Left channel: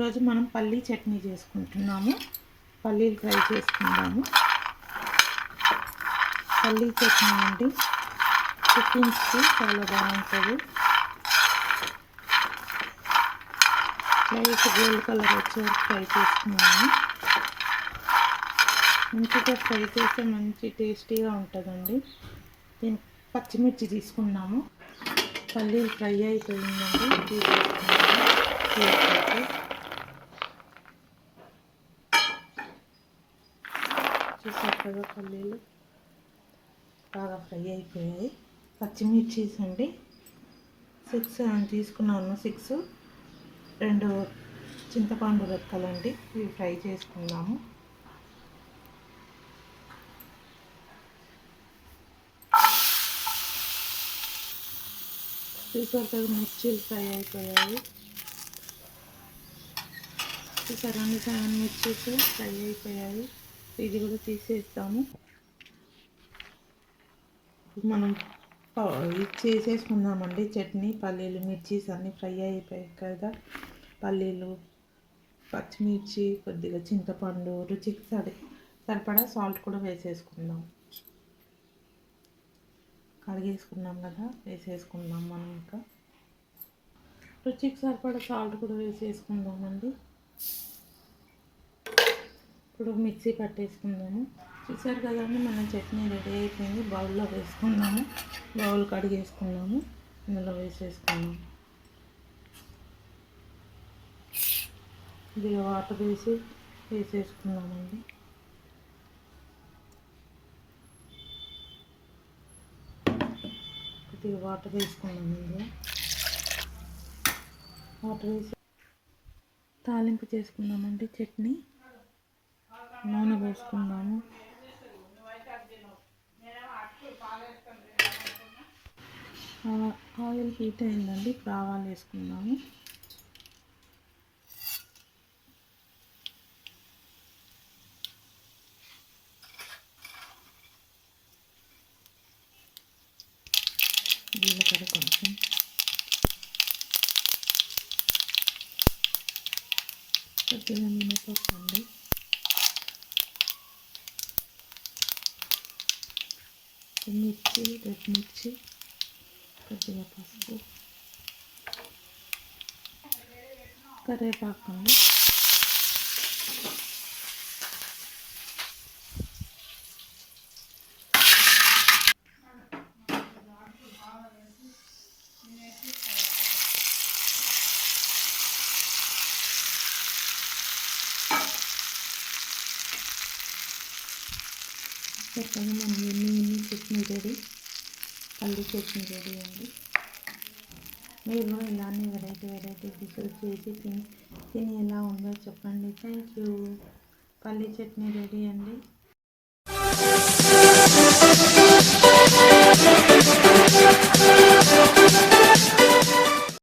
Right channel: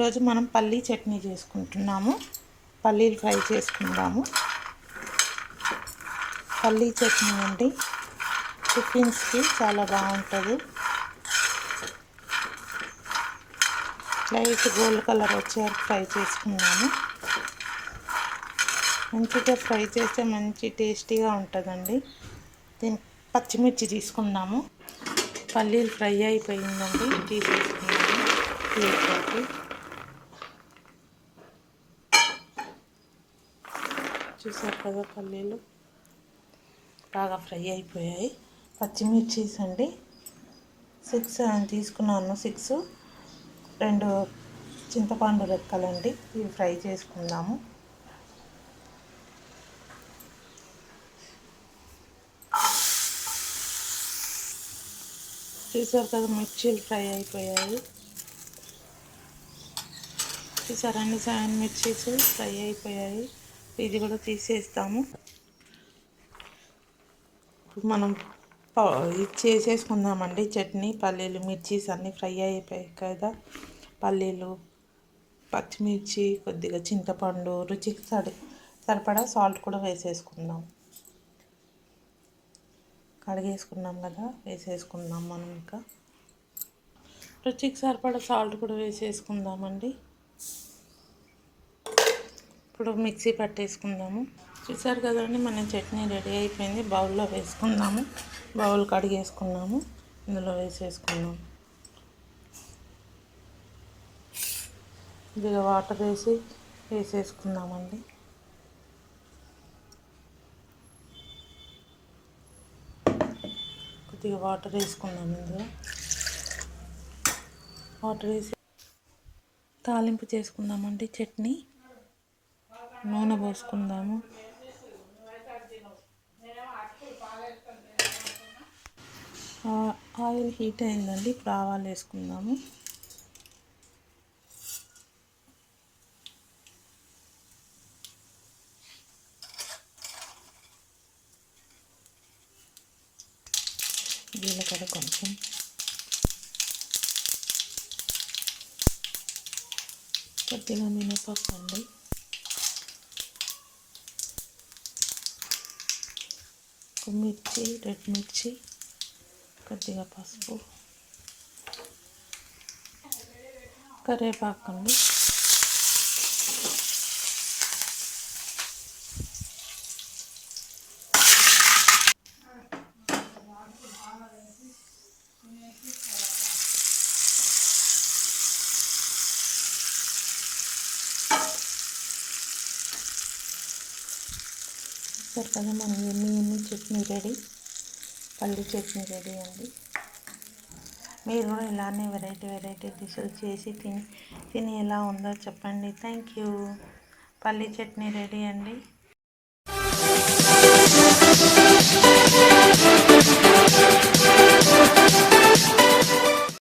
ఈరోజు మనం పల్లీ చట్నీ చేసుకుంటున్నాము. పల్లీలు ఫ్రై చేసుకుందాము. పల్లీ చట్నీ అండి, టిఫిన్స్కి చాలా బాగుంటుంది. లైట్ గోల్డ్ కలర్ వచ్చేవరకు ఫ్రై చేసుకుందాము. మంచిగా ఫ్రై చేస్తే మంచి టేస్టీగా ఉంటుందండి. దీనికి పచ్చిమిర్చి తీసుకుందాము. పల్లీలు ఫ్రై అయిపోయిందండి, తీసేసుకుందాము. చూసారు కదా, పల్లీలు బాగా ఫ్రై అయిపోయాయి. పచ్చిమిర్చీస్ అండి 6 తీసుకున్నాను. 6 2 చింతపండు రెక్కలండి, ఇవి ఫ్రై చేసుకుందాము. చూసారు కదా, మిర్చీలు ఫ్రై అయిపోయాయి. చూసారా అండి, 7 మిర్చీస్ ఫ్రై అయిపోయాయి. ఇది కూడా తీసేస్తాము. మనం ఇది చేసేసుకుందామండి చట్నీ. పల్లీలు మిర్చీస్ అన్నీ ఫ్రై అయిపోయాయి కదా. పల్లీలు, పచ్చిమిర్చి, కొద్దిగా చింతపండు, రుచికి సరిపడా సాల్ట్ కూడా వేసేసుకుందాం. కడిగేసుకున్నాం కదా, వేసేసుకుందాం. మనం ఇంకా రుచికి సరిపడా సాల్ట్ కూడా వేసేసుకుందామండి. ఇప్పుడు మిక్సీ పట్టేసుకుందాము. చూసారు కదండి, మన చట్నీ రెడీ అయిపోయింది. బౌల్లో వేసుకుందాము. బౌల్ కడిగేసుకున్నాము, ఇందులో వేసేసుకుందాం. కొద్దిగా వాటర్ వేసేసుకుందామండి. కొద్దిగా వాటర్ వేసుకున్నాము. ఇందులో వాటర్ వేసి తాలింపు చేసుకుందామండి. చట్నీ నూనె పోసుకుందాము. ఆయిల్ హీట్ అయిందండి, ఇప్పుడు ఆవాలు వేసుకుందాము. జీలకర్ర కొంచెం, కొద్దిగా మినపప్పు అండి, మిర్చి, రెడ్ మిర్చి, కొద్దిగా పసుపు, కరివేపాకు అండి. చెప్పండి, మనం ఎన్ని చట్నీ రెడీ, పల్లి చట్నీ రెడీ అండి. మీరు కూడా ఇలానే వెరైటీ డిషెస్ చేసి తిని ఎలా ఉందో చెప్పండి. Thank you. పల్లి చట్నీ రెడీ అండి.